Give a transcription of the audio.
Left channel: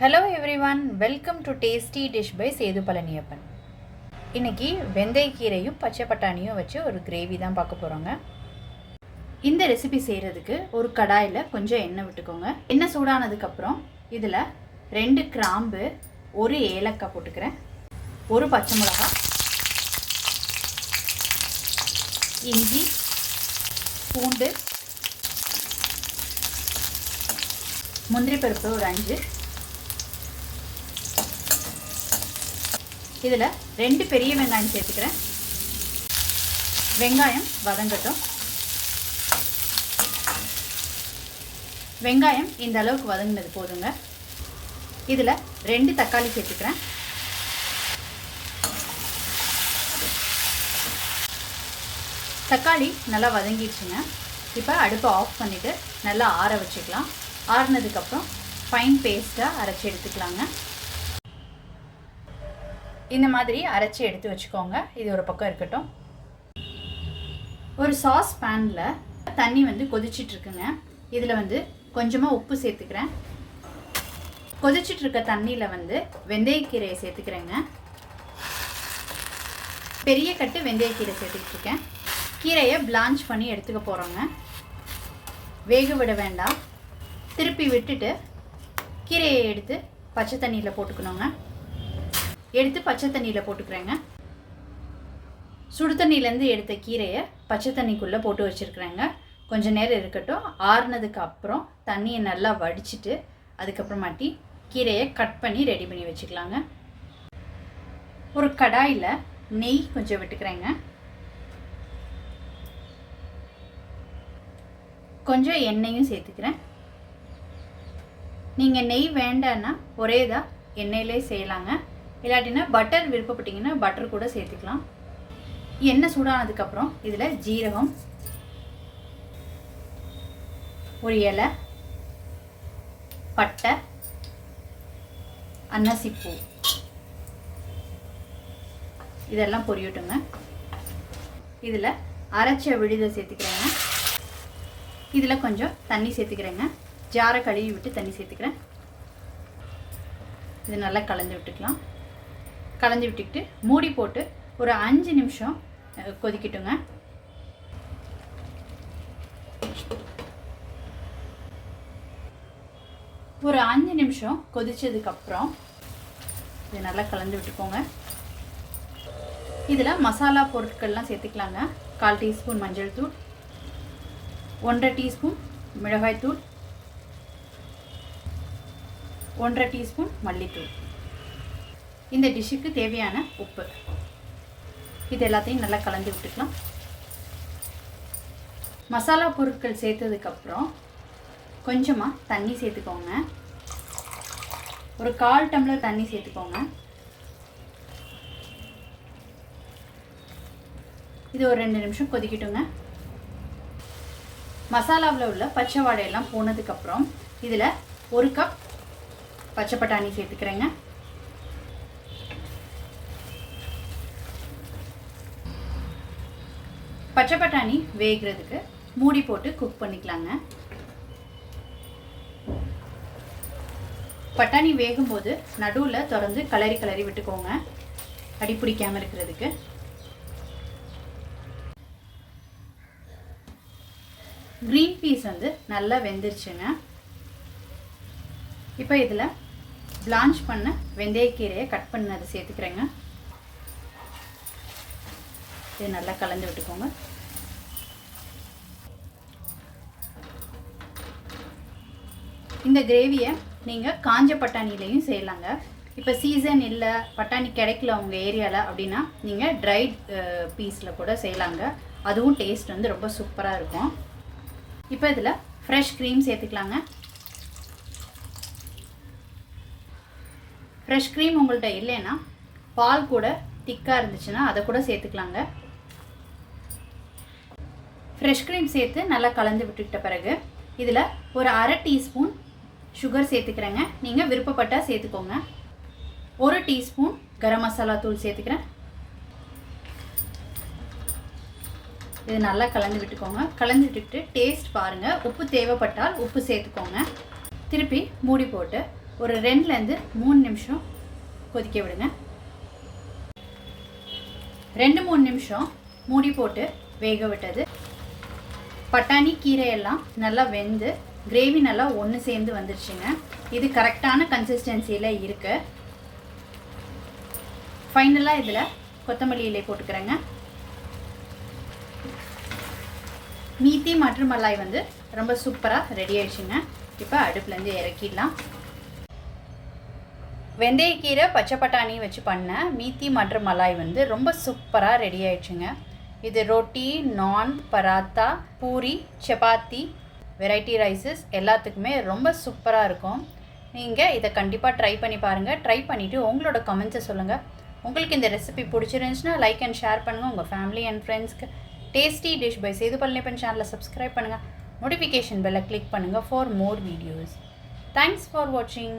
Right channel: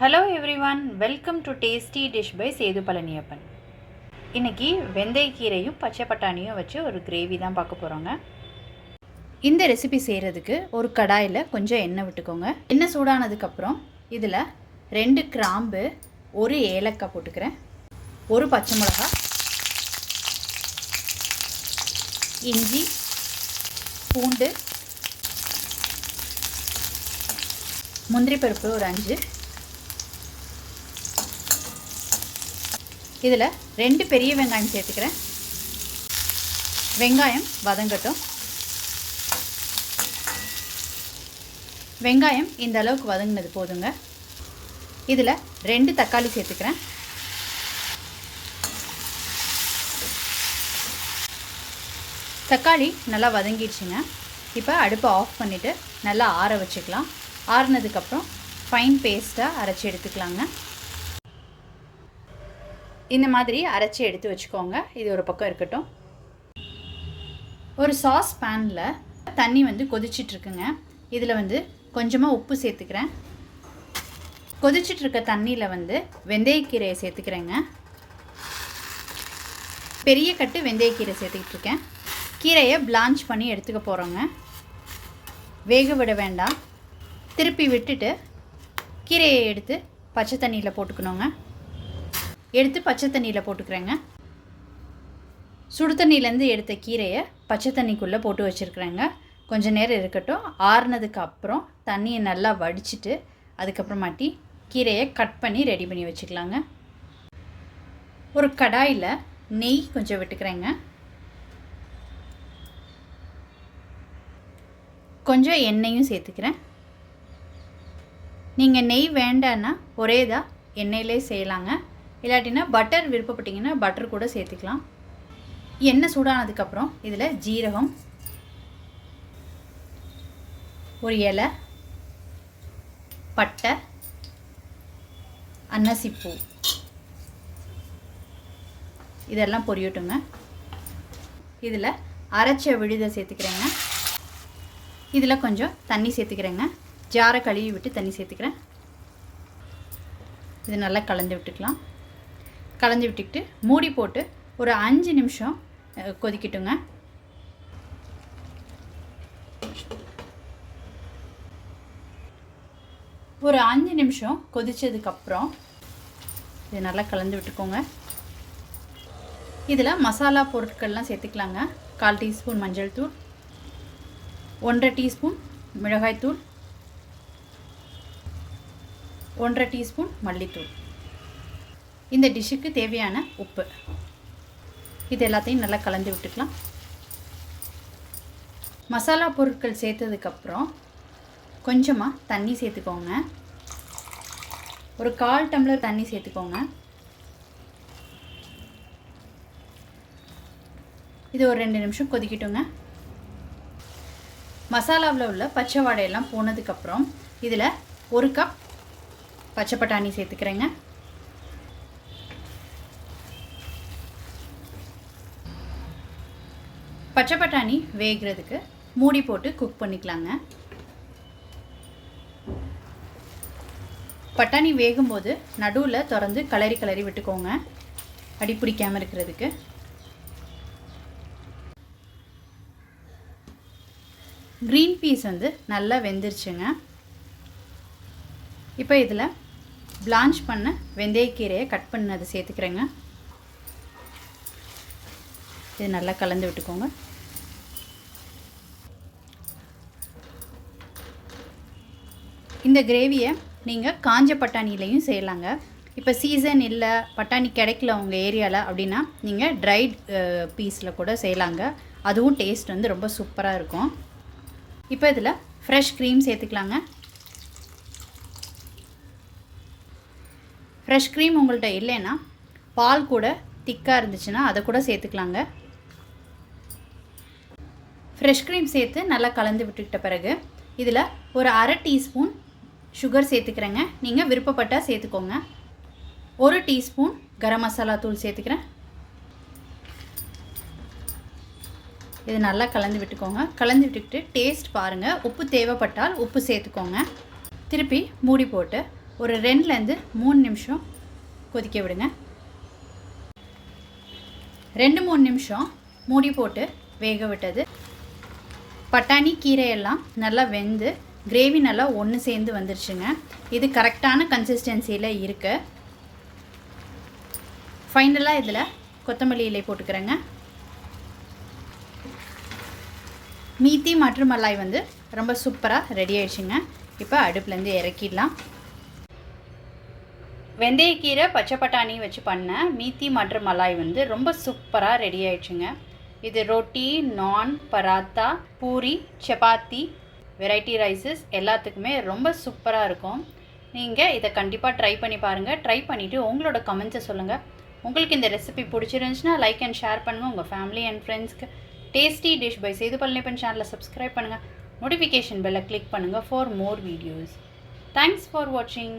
Hello everyone, welcome to tasty dish by Sethu Palaniappan. இன்றைக்கி வெந்தயக்கீரையும் பச்சை பட்டாணியும் வச்சு ஒரு கிரேவி தான் பார்க்க போகிறோங்க. இந்த ரெசிபி செய்கிறதுக்கு ஒரு கடாயில் கொஞ்சம் எண்ணெய் விட்டுக்கோங்க. எண்ணெய் சூடானதுக்கப்புறம் இதில் 2 கிராம்பு, 1 ஏலக்காய் போட்டுக்கிறேன், 1 பச்சை மிளகாய், இஞ்சி, பூண்டு, முந்திரி பருப்பு ஒரு 5, இதில் 2 பெரிய வெங்காயம் சேர்த்துக்கிறேன். வெங்காயம் வதங்கட்டும். வெங்காயம் இந்த அளவுக்கு வதங்கினது போதுங்க. இதில் 2 தக்காளி சேர்த்துக்கிறேன். தக்காளி நல்லா வதங்கிடுச்சுங்க. இப்போ அடுப்பை ஆஃப் பண்ணிவிட்டு நல்லா ஆற வச்சுக்கலாம். ஆறினதுக்கப்புறம் ஃபைன் பேஸ்ட்டாக அரைச்சி எடுத்துக்கலாங்க. இந்த மாதிரி அரைச்சி எடுத்து வச்சுக்கோங்க. இது ஒரு பக்கம் இருக்கட்டும். ஒரு சாஸ் பேனில் தண்ணி கொதிச்சிட்ருக்குங்க. இதில் கொஞ்சமாக உப்பு சேர்த்துக்கிறேன். கொதிச்சிட்ருக்க தண்ணியில் வெந்தயக்கீரையை சேர்த்துக்கிறேங்க. பெரிய கட்டு வெந்தயக்கீரை சேர்த்துக்கிட்டு இருக்கேன். கீரையை பிளான்ச் பண்ணி எடுத்துக்க போகிறோங்க. வேக விட வேண்டாம். திருப்பி விட்டுட்டு கீரையை எடுத்து பச்சை தண்ணியில் போட்டுக்கணுங்க. எடுத்து பச்சை தண்ணியில் போட்டுக்கிறேங்க. சுடு தண்ணியிலேருந்து எடுத்த கீரையை பச்சை தண்ணிக்குள்ளே போட்டு வச்சுருக்குறேங்க. கொஞ்சம் நேரம் இருக்கட்டும். ஆறுனதுக்கு அப்புறம் தண்ணியை நல்லா வடிச்சிட்டு அதுக்கப்புறமாட்டி கீரையை கட் பண்ணி ரெடி பண்ணி வச்சுக்கலாங்க. ஒரு கடாயில் நெய் கொஞ்சம் விட்டுக்கிறேங்க. கொஞ்சம் எண்ணெயும் சேர்த்துக்கிறேன். நீங்கள் நெய் வேண்டான்னா ஒரே இதாக எண்ணெயிலே செய்யலாங்க. இல்லாட்டினா பட்டர் விருப்பப்பட்டிங்கன்னா பட்டர் கூட சேர்த்துக்கலாம். எண்ணெய் சூடானதுக்கப்புறம் இதில் ஜீரகம், ஒரு இலை, பட்டை, அன்னாசிப்பூ இதெல்லாம் பொரியட்டுங்க. இதில் அரைச்ச விழுதை சேர்த்துக்கிறேங்க. இதில் கொஞ்சம் தண்ணி சேர்த்துக்கிறேங்க. ஜாரை கழுவி விட்டு தண்ணி சேர்த்துக்கிறேன். இது நல்லா கலந்து விட்டுக்கலாம். கலந்து விட்டுக்கிட்டு மூடி போட்டு ஒரு 5 நிமிஷம் கொதிக்கட்டுங்க. ஒரு 5 நிமிஷம் கொதிச்சதுக்கப்புறம் இது நல்லா கலந்து விட்டுக்கோங்க. இதில் மசாலா பொருட்கள்லாம் சேர்த்துக்கலாங்க. 1/4 டீஸ்பூன் மஞ்சள் தூள், 1/2 டீஸ்பூன் மிளகாய்த்தூள், 1/2 டீஸ்பூன் மல்லித்தூள், இந்த டிஷ்ஷுக்கு தேவையான உப்பு, இது எல்லாத்தையும் நல்லா கலந்து விட்டுக்கலாம். மசாலா பொருட்கள் சேர்த்ததுக்கப்புறம் கொஞ்சமாக தண்ணி சேர்த்துக்கோங்க. ஒரு 1/4 டம்ளர் தண்ணி சேர்த்துக்கோங்க. இது ஒரு 2 நிமிஷம் கொதிக்கட்டுங்க. மசாலாவில் உள்ள பச்சை வாடையெல்லாம் போனதுக்கப்புறம் இதில் 1 கப் பச்சை பட்டாணி சேர்த்துக்கிறேங்க. பச்சை பட்டாணி வேகிறதுக்கு மூடி போட்டு குக் பண்ணிக்கலாங்க. பட்டாணி வேகும்போது நடுவில் திறந்து கிளறி விட்டுக்கோங்க, அடி பிடிக்காமல் இருக்கிறதுக்கு. க்ரீன் பீஸ் நல்லா வெந்துருச்சுங்க. இப்போ இதில் பிளான்ச் பண்ண வெந்தயக்கீரையை கட் பண்ணி அதை சேர்த்துக்கிறேங்க. இது நல்லா கலந்து விட்டுக்கோங்க. இந்த கிரேவியை நீங்கள் காஞ்ச பட்டாணிலையும் செய்யலாங்க. இப்போ சீசன் இல்லை, பட்டாணி கிடைக்கல உங்கள் ஏரியாவில் அப்படின்னா நீங்கள் ட்ரைட் பீஸில் கூட செய்யலாங்க. அதுவும் டேஸ்ட் ரொம்ப சூப்பராக இருக்கும். இப்போ இதில் ஃப்ரெஷ் க்ரீம் சேர்த்துக்கலாங்க. ஃப்ரெஷ் க்ரீம் உங்கள்கிட்ட இல்லைன்னா பால் கூட திக்காக இருந்துச்சுன்னா அதை கூட சேர்த்துக்கலாங்க. ஃப்ரெஷ் க்ரீம் சேர்த்து நல்லா கலந்து விட்டுக்கிட்ட பிறகு இதில் ஒரு 1/2 டீஸ்பூன் சுகர் சேர்த்துக்கிறேங்க. நீங்கள் விருப்பப்பட்டால் சேர்த்துக்கோங்க. 1 டீஸ்பூன் கரம் மசாலா தூள் சேர்த்துக்கிறேன். இது நல்லா கலந்து விட்டுக்கோங்க. கலந்து விட்டுக்கிட்டு டேஸ்ட் பாருங்கள். உப்பு தேவைப்பட்டால் உப்பு சேர்த்துக்கோங்க. திருப்பி மூடி போட்டு ஒரு 2லேருந்து 3 நிமிஷம் கொதிக்க விடுங்க. 2-3 நிமிஷம் மூடி போட்டு வேக விட்டது. பட்டாணி கீரையெல்லாம் நல்லா வெந்து கிரேவி நல்லா ஒன்று சேர்ந்து வந்துருச்சுங்க. இது கரெக்டான கன்சிஸ்டன்சியில் இருக்கு. ஃபைனலாக இதில் கொத்தமல்லி இலை போட்டுக்கிறேங்க. மீத்தி மட்டர் மலாய் வந்து ரொம்ப சூப்பராக ரெடி ஆயிடுச்சுங்க. இப்போ அடுப்புலேருந்து இறக்கிடலாம். வெந்தயக்கீரை பச்சை பட்டாணி வச்சு பண்ண மீத்தி மட்டர் மலாய் வந்து ரொம்ப சூப்பராக ரெடி ஆயிடுச்சுங்க. இது ரொட்டி, நான், பராத்தா, பூரி, சப்பாத்தி, வெரைட்டி ரைஸஸ் எல்லாத்துக்குமே ரொம்ப சூப்பராக இருக்கும். நீங்கள் இதை கண்டிப்பாக ட்ரை பண்ணி பாருங்கள். ட்ரை பண்ணிவிட்டு உங்களோட கமெண்ட்ஸை சொல்லுங்கள். உங்களுக்கு இந்த ரெசிபி பிடிச்சிருந்துச்சுன்னா லைக் அண்ட் ஷேர் பண்ணுங்கள். உங்கள் ஃபேமிலி அண்ட் ஃப்ரெண்ட்ஸ்க்கு. Tasty dish by Sethu Palaniappan சேனலை சப்ஸ்கிரைப் பண்ணுங்கள். நோட்டிஃபிகேஷன் பெல்லை கிளிக் பண்ணுங்கள் for more videos. Thanks for வாட்சிங்.